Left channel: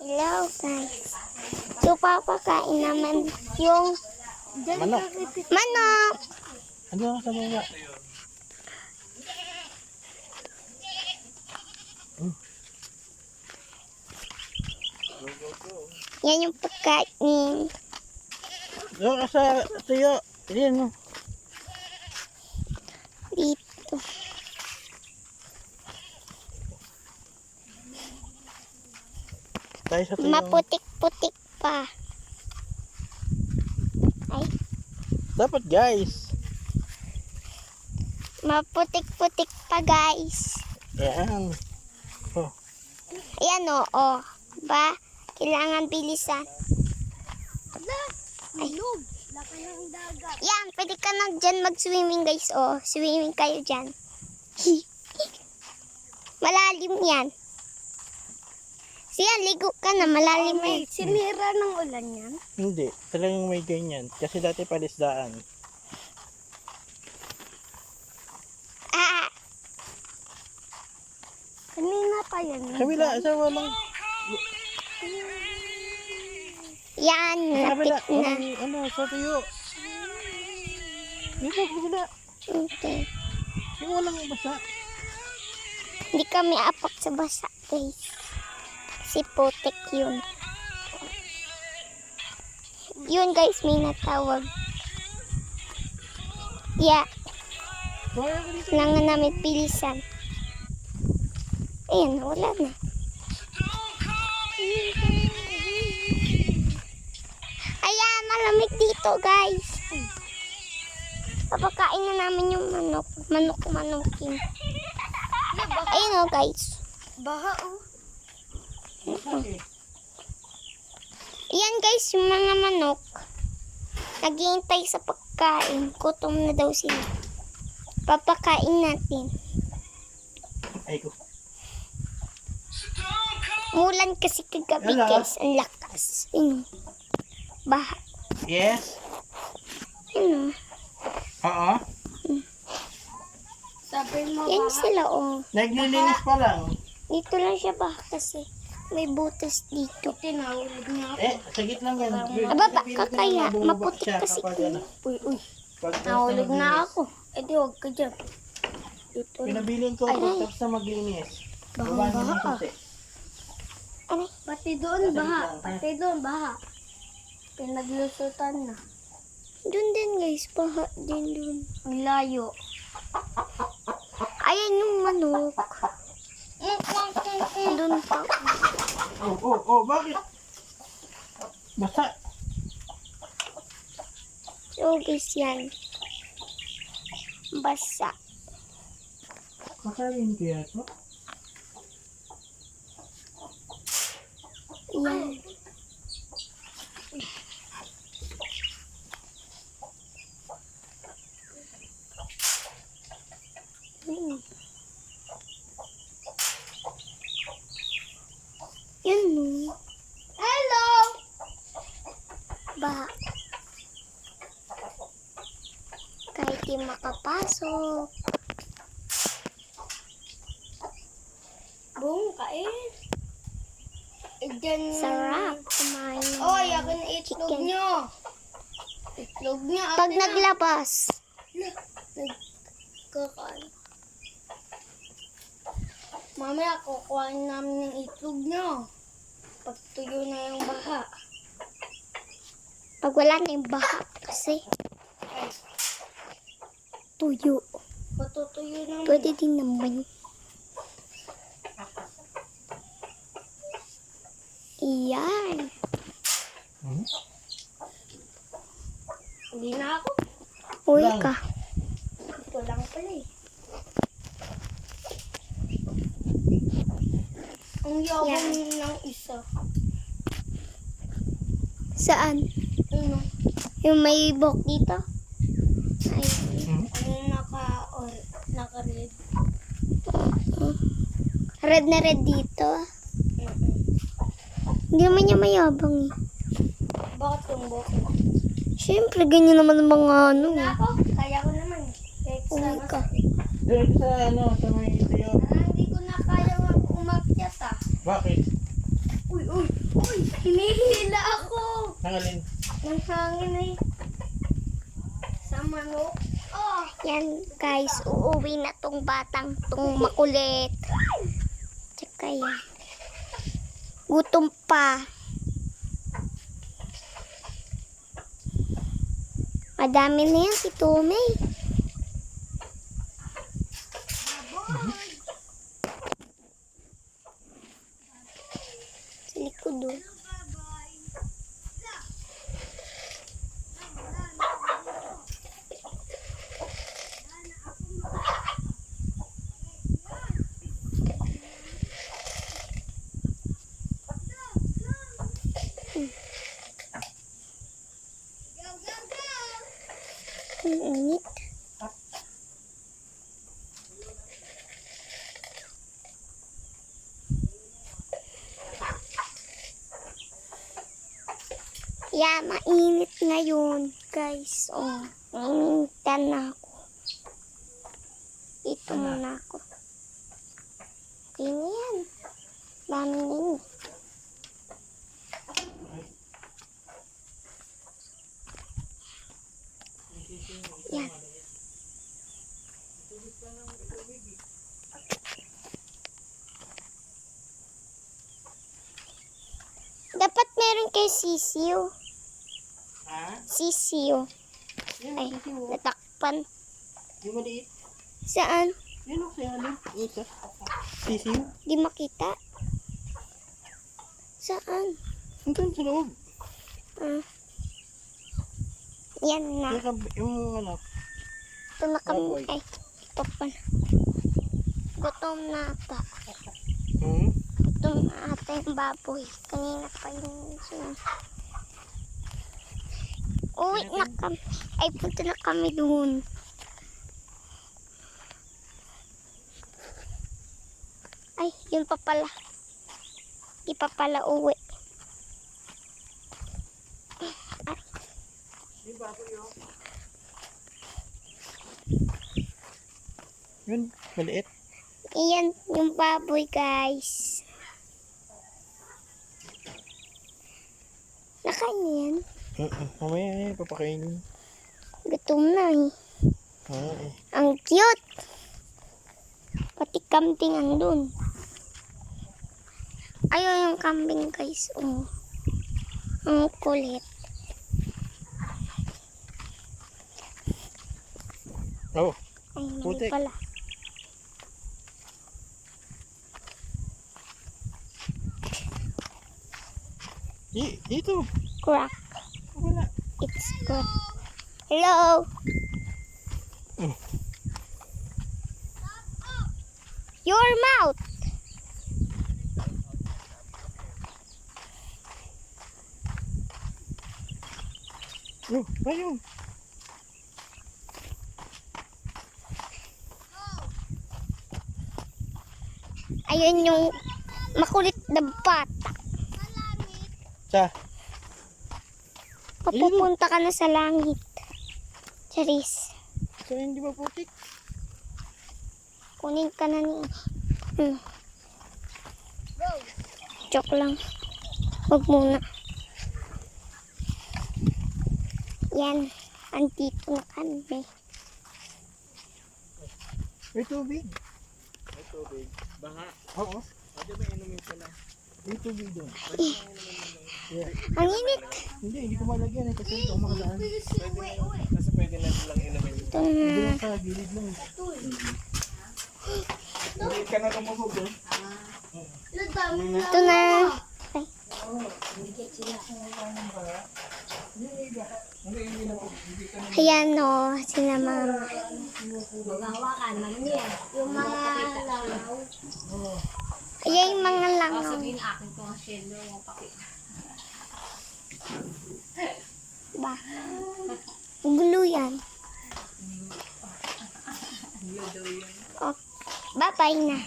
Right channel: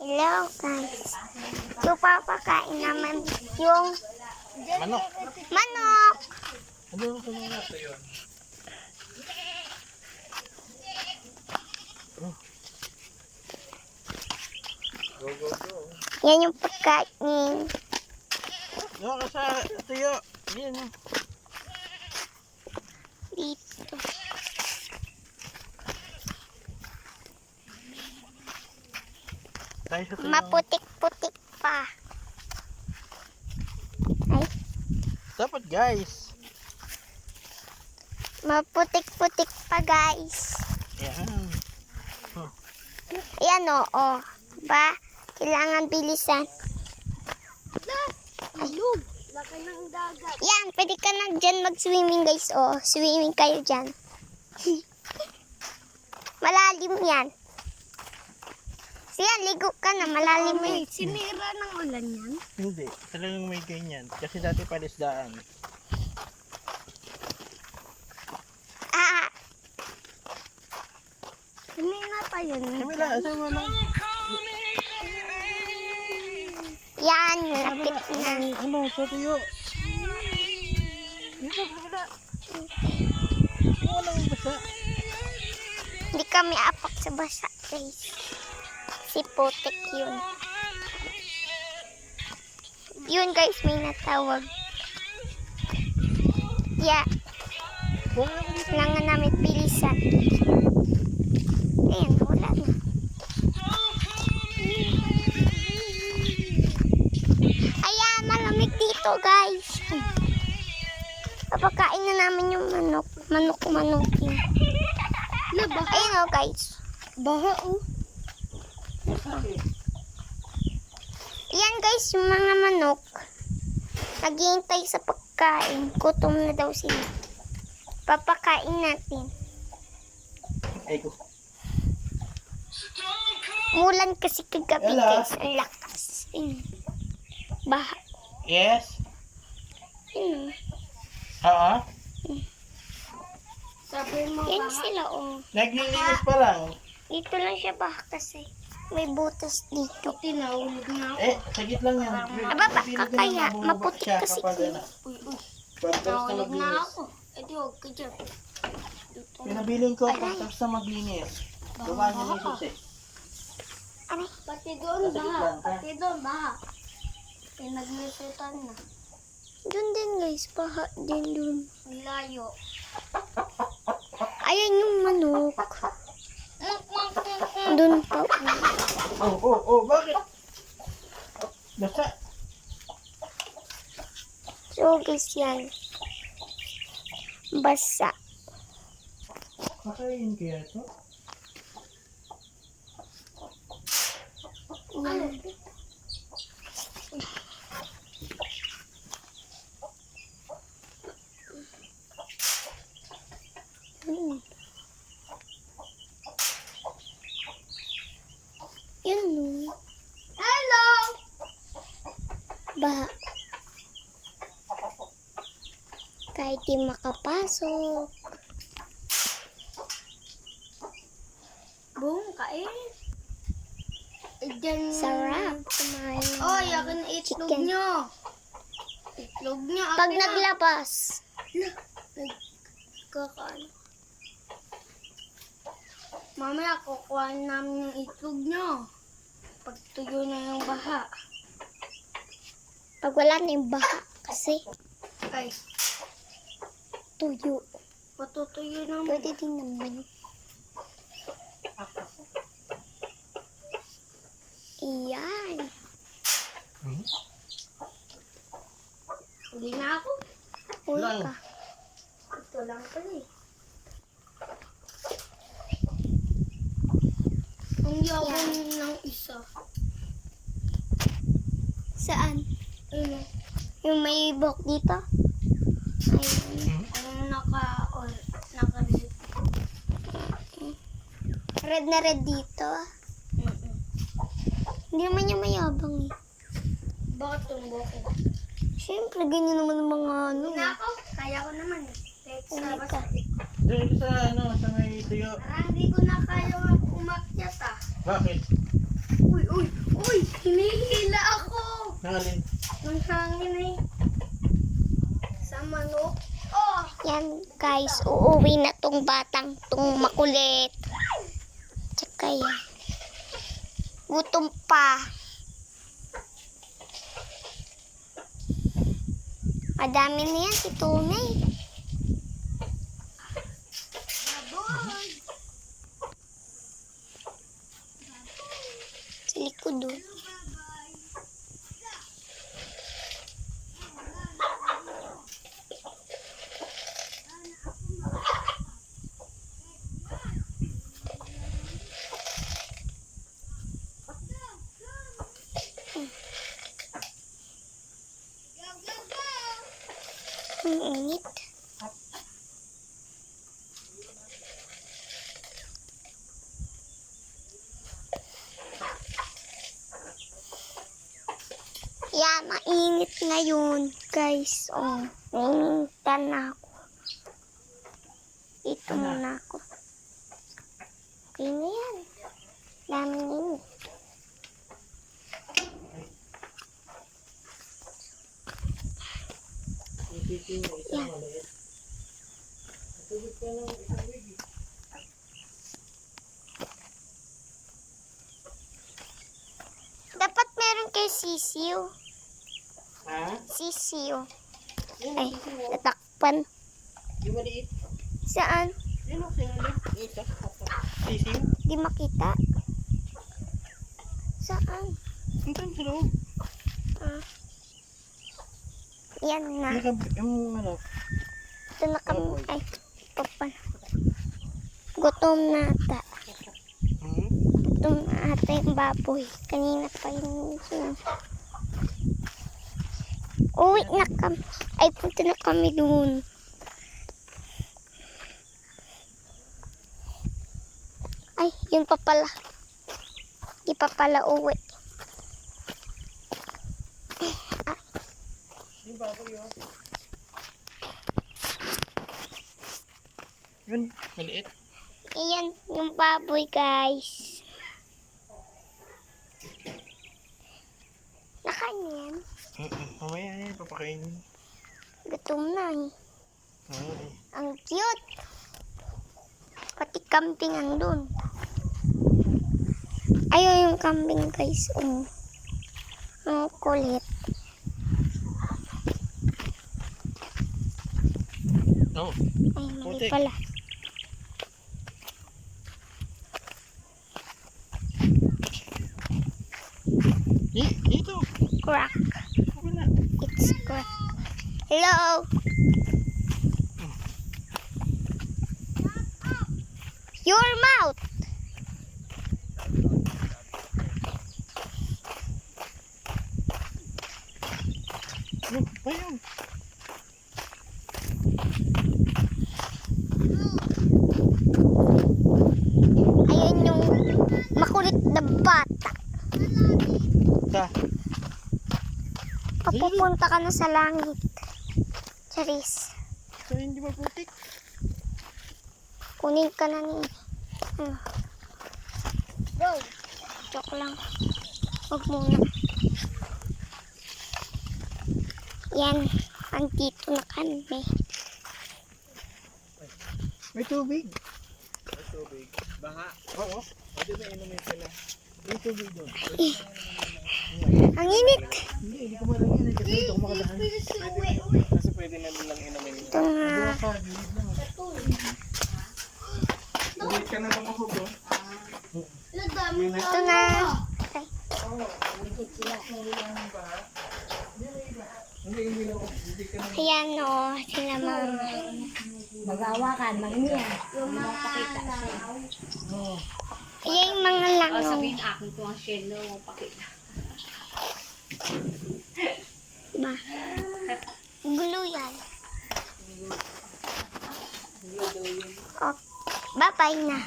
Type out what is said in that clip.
Hello guys. So papakain naman yung Manok. manok. Ano yung kanina? Yan yung pagkain. Doon ka sa tuyo. Yan. Dito. Tayo sa tuyo. Maputik-putik pa. Ay, Dapat guys. maputik-putik pa guys. Yan. Oh. Ayan oo. Ba? Kailangan bilisan. Ilog. Laki ng dagat. Yan, pwede ka na dyan mag-swimming guys. Oh, swimming kayo dyan. Malalim yan. Siya, ligo ka na. Malalim yan. Sinira ng ulan yan. Hindi. Talagang may ganyan. Kasi dati palisdaan. Ah, Kanina pa yun. Kabila. Asa walang. yan. Kabila. Napik na. Ano sa tuyo. Dito kabila. Okay. Yung ano yung basa. Hindi kami apak sa basa guys. Si Putik yun. Yun guys, may natawag. Yeah. Kailangan namin bilisan. Ayan, wala na. Ayan, malamig dito guys. Papakain na namin yung manok. Manok-manokin. Ayun o guys. Baha oh. Ayan guys, yung mga manok. Naghihintay sa pagkain. Gutom na daw sila. Papakain natin. Ay ko. Mulan kasi kagabi Hello. guys. Ang lakas. Ayun. Baha. Yes. Ayun o. Oo. Sabi mo Yan baha. sila o. Naglilinis pa lang. Dito lang siya baha kasi. May butas dito. Tinahulog na ako. Sagit lang yan. Aba, baka kaya. Maputik Siya kasi kapag yun. ano. Uy. Pag tapos na Nahulog na maglinis. ako. Eh di huwag ka dyan. Dito na. Pinabiling ko pag tapos na maglinis. Baba niyo yung susi. Ano? Pati doon baha. Pati doon baha. Pinaglusutan na. Dun din guys. Baha din dun. Ang layo. Ayan yung manok. Dun pa. Bakit? Basta. So guys yan. Basa. Makain kaya to? Yan. Yun no. Hello! Baha. Kahit di makapasok. Boom, kain. Eh, dyan. Sarap kumain. ng Oh, yakin na itlog chicken. nyo. Itlog nyo. Pag akin na. naglabas. Kakaano. Mamaya kukuha namin yung itlog nyo. Pag tuyo na yung baha. Pag wala na yung baha. Kasi Ay, tuyo. patutuyo naman. Pwede din naman. Iyan. Hindi na ako. Uy Lang. ka. Ito lang pala eh. Ang yabang ng isa. Saan? Ano? Yung may buhok dito? Ayun. Ang naka-red. Red na red dito. Hindi naman niya mayabang eh. Bakit yung buhok? Siyempre, ganyan naman ang mga ano. Hindi na ako. Kaya ko naman. Kahit Uy sa ka. Doon sa sa may tuyo. Hindi ko na kaya umakyat ah. Bakit? Uy, Hinihila ako. Nangalin. Ng hangin eh. Sa manok. Oh! Yan guys, uuwi na tong batang tong makulit. Tsaka yan. Gutom pa. Madami na yan si Tunay. Sa likod doon. Ang init. Yeah, mainit ngayon, guys. Oh, nainitan na ako. Dito muna ako. Okay na yan. Dami na yun. Yan. Dapat meron kay sisiw. Ha? Sisiw. Yan, Ay, sisiw. natakpan. Di maliit. Saan? Yan o, kaya alin. Ito. Sisiw. Di makita. Saan? Doon sa loob. Hmm. Yan na. Yung ano. Ito na kami. Ay, ito pa. Gutom na ata. Gutom na ata yung baboy. Kanina pa yung uwi na kami. Ay, punta na kami dun. Ay, yun pa pala. Di pa pala uwi. Yung baboy o. Yun, maliit. Iyan yung baboy, guys. Nakain yan. Mamaya yan, papakainin. Gutom na eh. Oo. Ang cute. Pati kambing andun. Ayun yung kambing, guys. Oh. Ang kulit. Oh, Ay, mali putik. pala. Dito. Crack. Wala. It's crack. Hello. Your mouth. Yun, ayun. Ayun yung makulit na bata. Sa. Papupunta ka na sa langit. Charis. Ito hindi ba putik? Kunin ka na ni. Joke lang. Huwag muna. Yan. Andito na kami. May tubig. May tubig. Baha. Oo. Pwede ba inumin sila? May tubig doon. Ang init. Hindi ko malagyan. Kasi ito ako makadaan. Kasi pwede na nilang inumin. Ito na. Hindi lang sa gilid lang. Hindi ka na lumubog doon. Ito na. Ayan o. Sila mama. Magawakan, magniya. Yung mga langaw. Ayan yung mga langaw. Sabihin akin ko ang shell mo, pakita. Ba? Gulo yan. Oh, bye-bye na.